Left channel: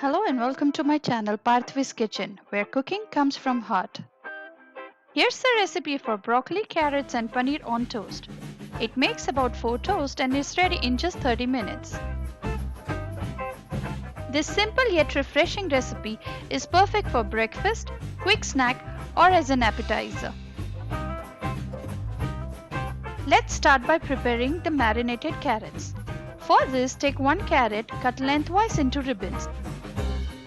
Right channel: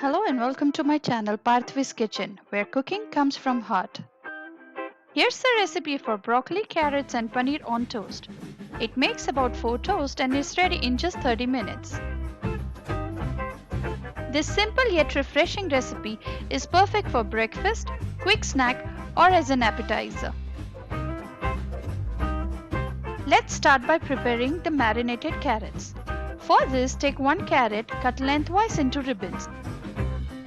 Hello and welcome to my channel Parthavi's Kitchen, where cooking comes from heart. Here's the recipe for broccoli, carrots and paneer on toast. It makes about 4 toast and is ready in just 30 minutes. This simple yet refreshing recipe is perfect for breakfast, quick snack or as an appetizer. Let's start by preparing the marinated carrots. For this, take 1 carrot cut lengthwise into ribbons.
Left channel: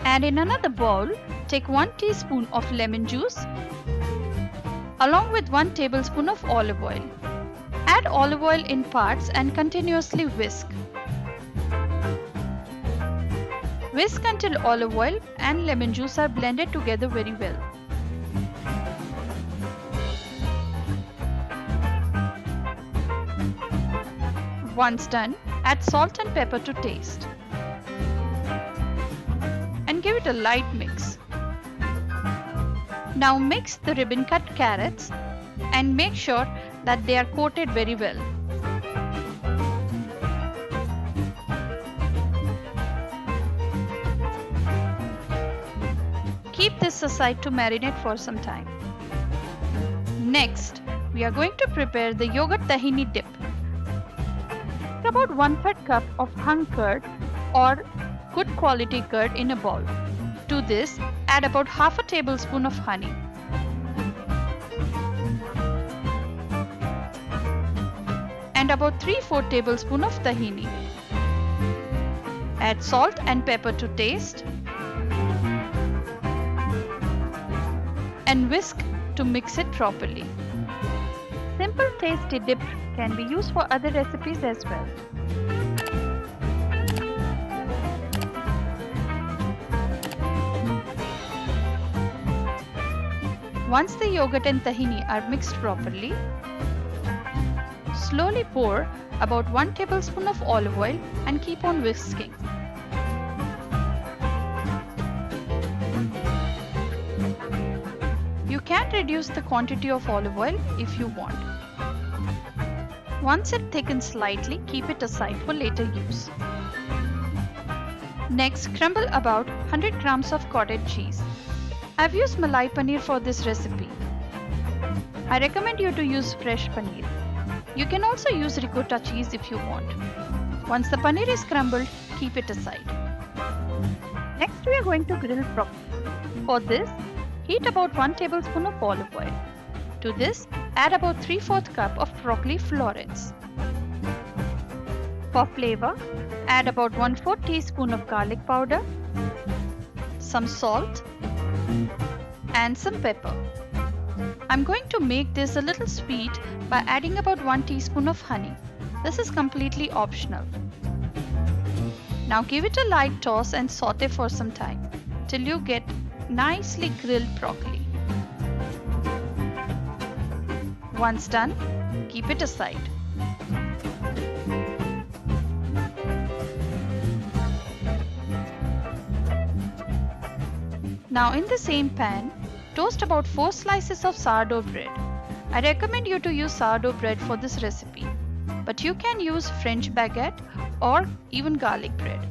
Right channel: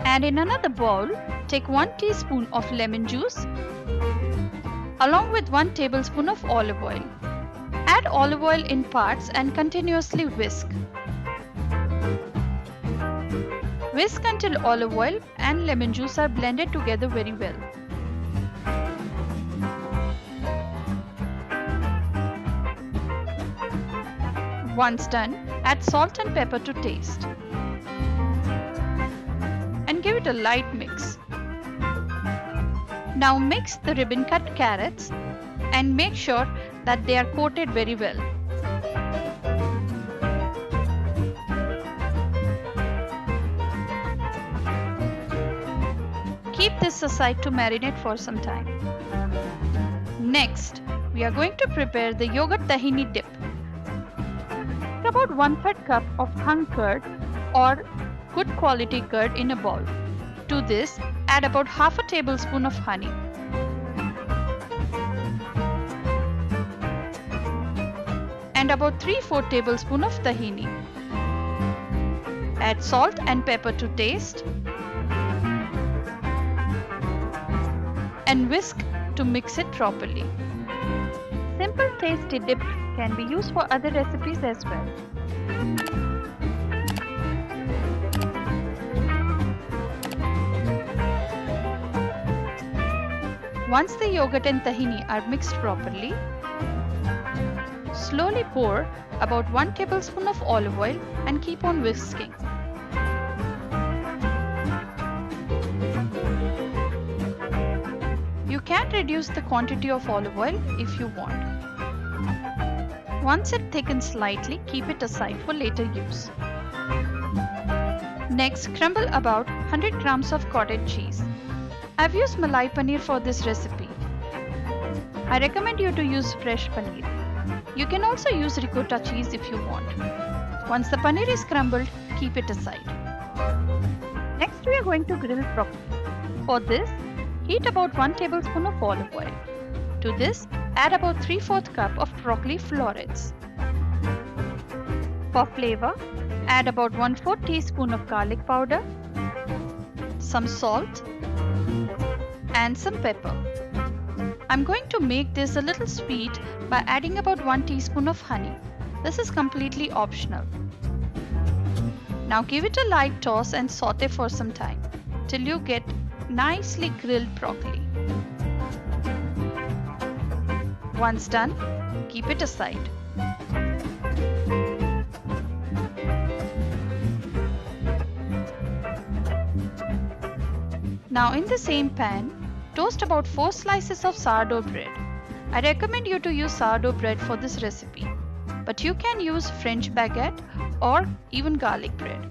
And in another bowl, take 1 teaspoon of lemon juice along with 1 tablespoon of olive oil. Add olive oil in parts and continuously whisk. Whisk until olive oil and lemon juice are blended together very well. Once done, add salt and pepper to taste. And give it a light mix. Now mix the ribbon cut carrots and make sure that they are coated very well. Keep this aside to marinate for some time. Next, we are going to prepare the yogurt tahini dip. About 1/3 cup of hung curd or good quality curd in a bowl. To this, add about half a tablespoon of honey. And about 3/4 tablespoon of tahini. Add salt and pepper to taste. And whisk to mix it properly. Simple tasty dip can be used for other recipes as well. Once the yogurt and tahini are mixed properly, slowly pour about 1 tablespoon of olive oil and keep on whisking. You can reduce the quantity of olive oil if you want. Once it thickens slightly, keep it aside for later use. Next, crumble about 100 grams of cottage cheese. I've used malai paneer for this recipe. I recommend you to use fresh paneer. You can also use ricotta cheese if you want. Once the paneer is crumbled, keep it aside. Next, we are going to grill broccoli. For this, heat about 1 tablespoon of olive oil. To this, add about 3/4 cup of broccoli florets. For flavor, add about 1/4 teaspoon of garlic powder, some salt, and some pepper. I'm going to make this a little sweet by adding about 1 teaspoon of honey. This is completely optional. Now give it a light toss and saute for some time till you get nicely grilled broccoli. Once done, keep it aside. Now in the same pan, toast about 4 slices of sourdough bread. I recommend you to use sourdough bread for this recipe, but you can use French baguette or even garlic bread.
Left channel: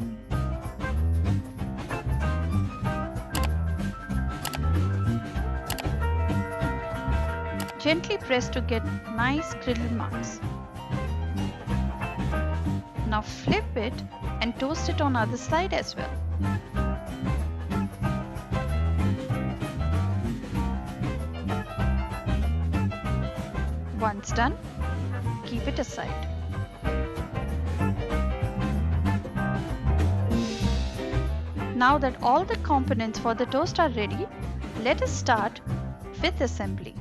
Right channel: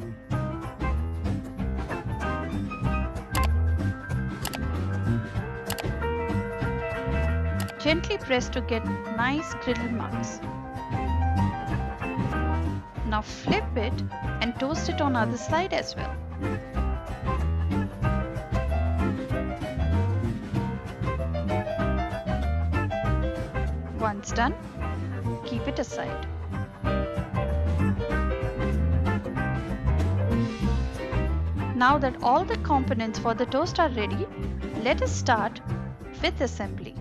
Gently press to get nice griddle marks. Now flip it and toast it on other side as well. Once done, keep it aside. Now that all the components for the toast are ready, let us start with assembly.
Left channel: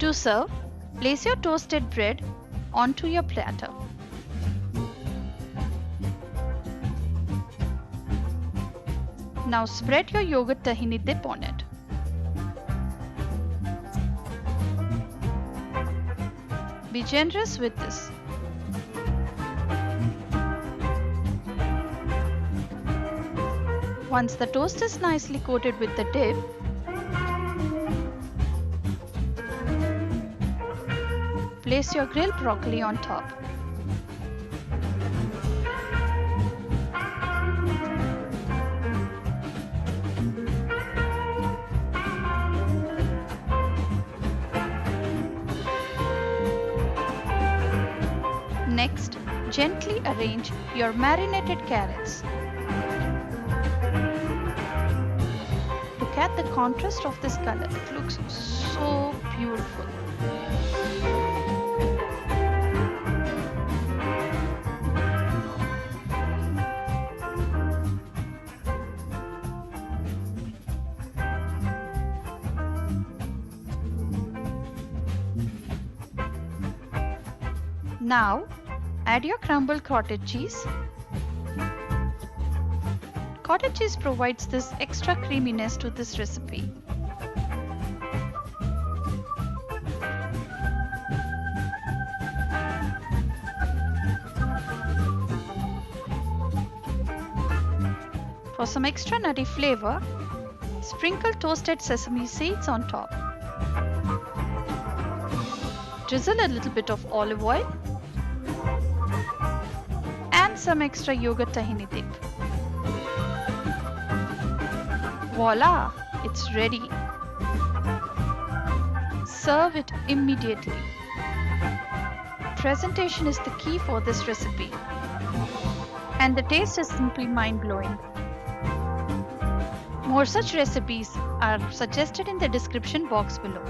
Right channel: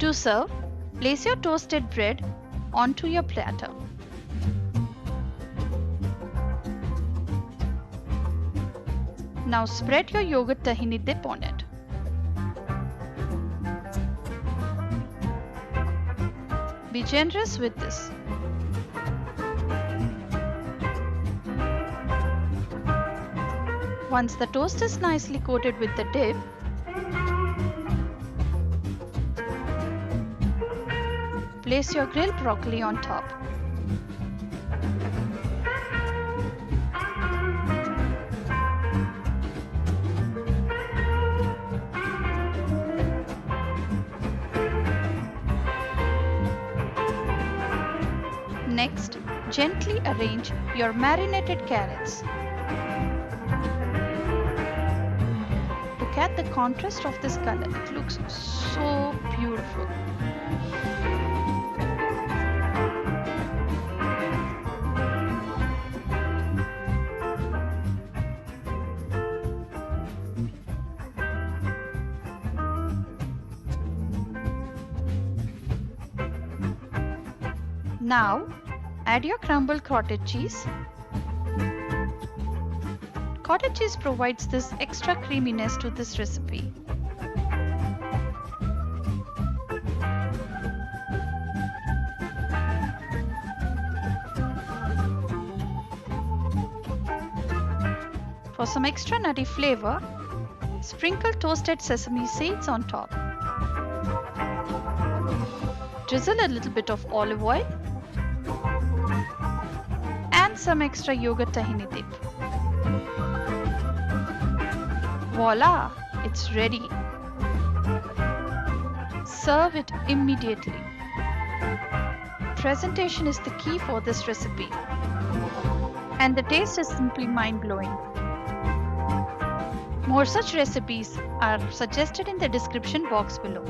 To serve, place your toasted bread onto your platter. Now spread your yogurt tahini dip on it. Be generous with this. Once the toast is nicely coated with the dip, place your grilled broccoli on top. Next, gently arrange your marinated carrots. Look at the contrast of this color. It looks so beautiful. Now, add your crumbled cottage cheese. Cottage cheese provides this extra creaminess to this recipe. For some extra nutty flavor, sprinkle toasted sesame seeds on top. Drizzle a little bit of olive oil and some extra yogurt tahini dip. Voila! It's ready. Serve it immediately. Presentation is the key for this recipe, and the taste is simply mind-blowing. More such recipes are suggested in the description box below.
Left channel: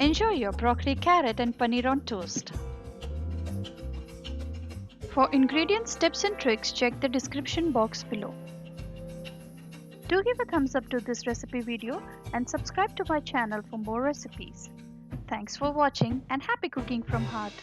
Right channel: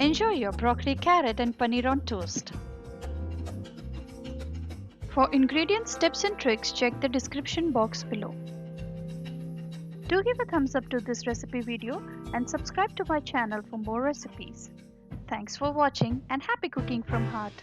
Enjoy your broccoli, carrot and paneer on toast. For ingredients, tips and tricks, check the description box below. Do give a thumbs up to this recipe video and subscribe to my channel for more recipes. Thanks for watching and happy cooking from heart.